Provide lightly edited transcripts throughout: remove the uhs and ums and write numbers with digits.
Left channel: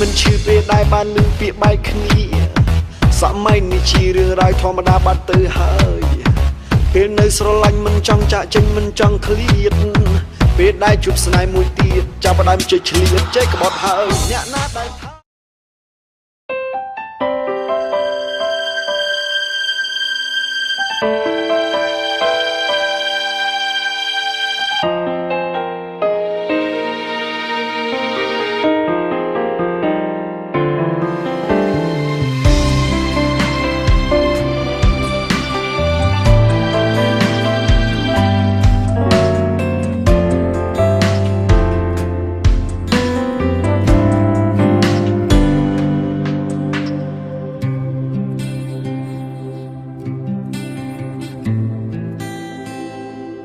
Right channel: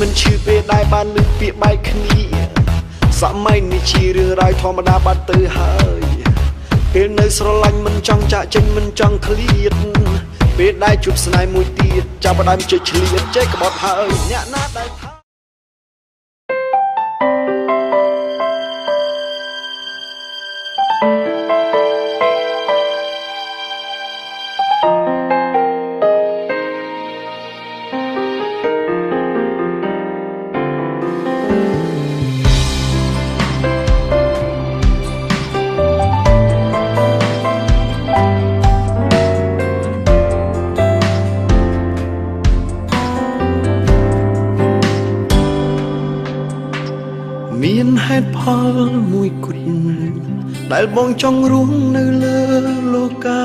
មិនឈឺពេលដែលបានលឺពាក្យបែកគ្នាសម័យនេះជារឿងរ៉ាវធម្មតាបាត់ទៅហើយពេលនៅស្រឡាញ់មិនចង់ចាក់ចេញមិនចង់ឃ្លាតពេលដែលជួបស្នេហ៍មួយទៀតចាប់ផ្ដើមជិះឆ្លៀតចេះក្បត់ហើយអ្នកណាដែលថាមានហេតុផលមួយគត់ដែលបងចង់រស់នៅលើលោកា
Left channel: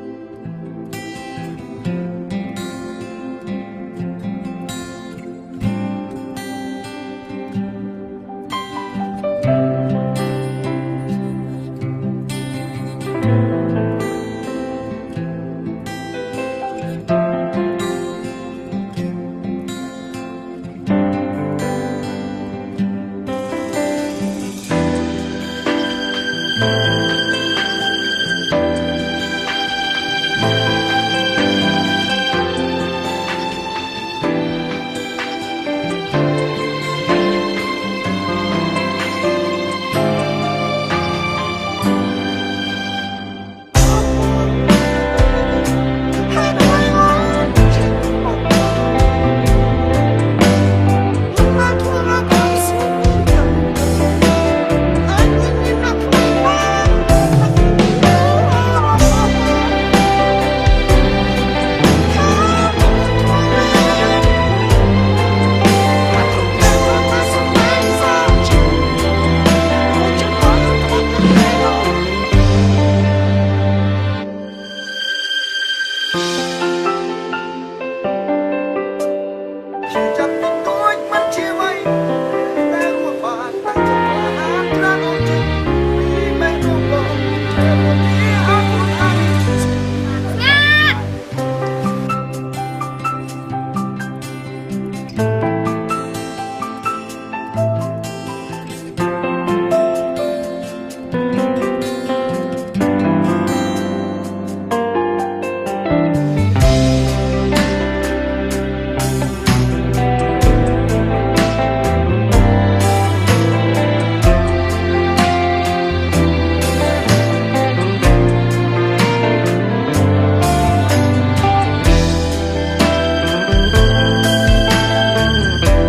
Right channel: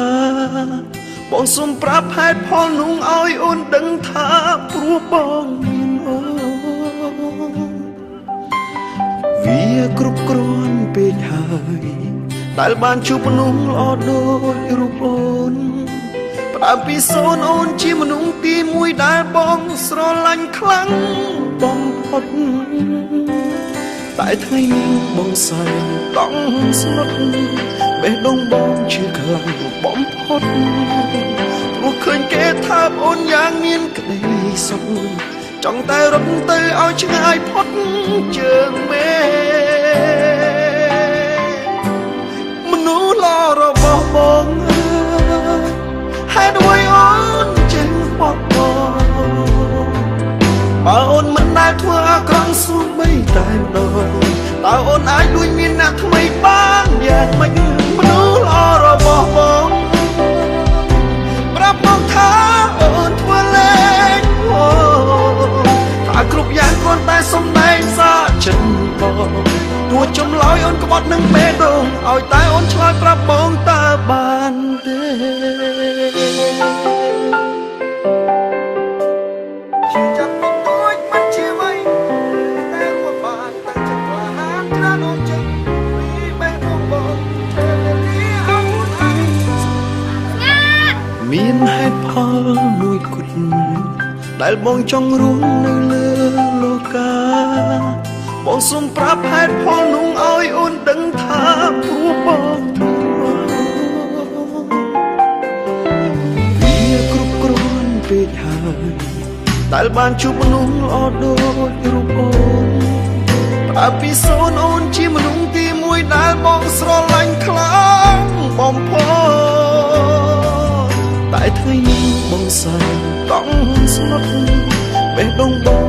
បងសូមប្រាប់ហេតុផលនោះឲ្យអូនដឹងថាព្រោះបងមានអូនវាគ្រប់គ្រាន់ពេកហើយដែលបានជួបមនុស្សល្អដូចរូបអូនផ្ដើមពីសូនអូនជាមនុស្សទីមួយដែលបងស្រឡាញ់ខ្លាំងបំផុតតែថ្ងៃនេះបងសើចង់ស្មុគបេះដូងបងឈឺខ្លាំងបំផុតមកឃើញគេថាអូនយ៉ាងមានក្តីសុខចង់តែរត់ទៅឲ្យឆ្ងាយផុតជើងមេមនុស្សល្អរបស់បងហេតុអ្វីអូនចេះបោះបង់បើអូនមិនដែលធ្វើអាក្រក់ស្រួលបីតែអូនអាចដូចមានអ្នកថ្មីបានយ៉ាងមិនមនុស្សល្អរបស់បងប្រាប់បងថាអូនធ្វើលេងថាគ្រប់យ៉ាងគាត់តែសំដែងសាចិត្តបងគួរចំឡោយអូនក្បត់នឹងពេកនោះឲ្យតែអូនឆ្លើយប្រាប់បងតើបានទេជាចាប់ពីទួចមិនជាអ្វីតែរស់បានតែចាំមានហេតុផលមួយគត់ដែលបងចង់រស់នៅលើលោកាបងសូមប្រាប់ហេតុផលនោះឲ្យអូនដឹងថាព្រោះបងវាគ្រប់គ្រាន់ពេកហើយដែលបានជួបមនុស្សល្អដូចប្រាប់ពីសូនអូនជាមនុស្សទីមួយដែលបងស្រឡាញ់ខ្លាំងបំផុតតែថ្ងៃនេះបងសើចង់ស្មុគបេះដូងបង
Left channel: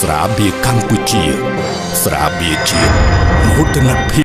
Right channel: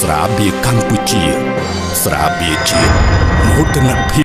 ស្រាបៀរកម្ពុជាស្រាបៀរជាតិមោទនភាព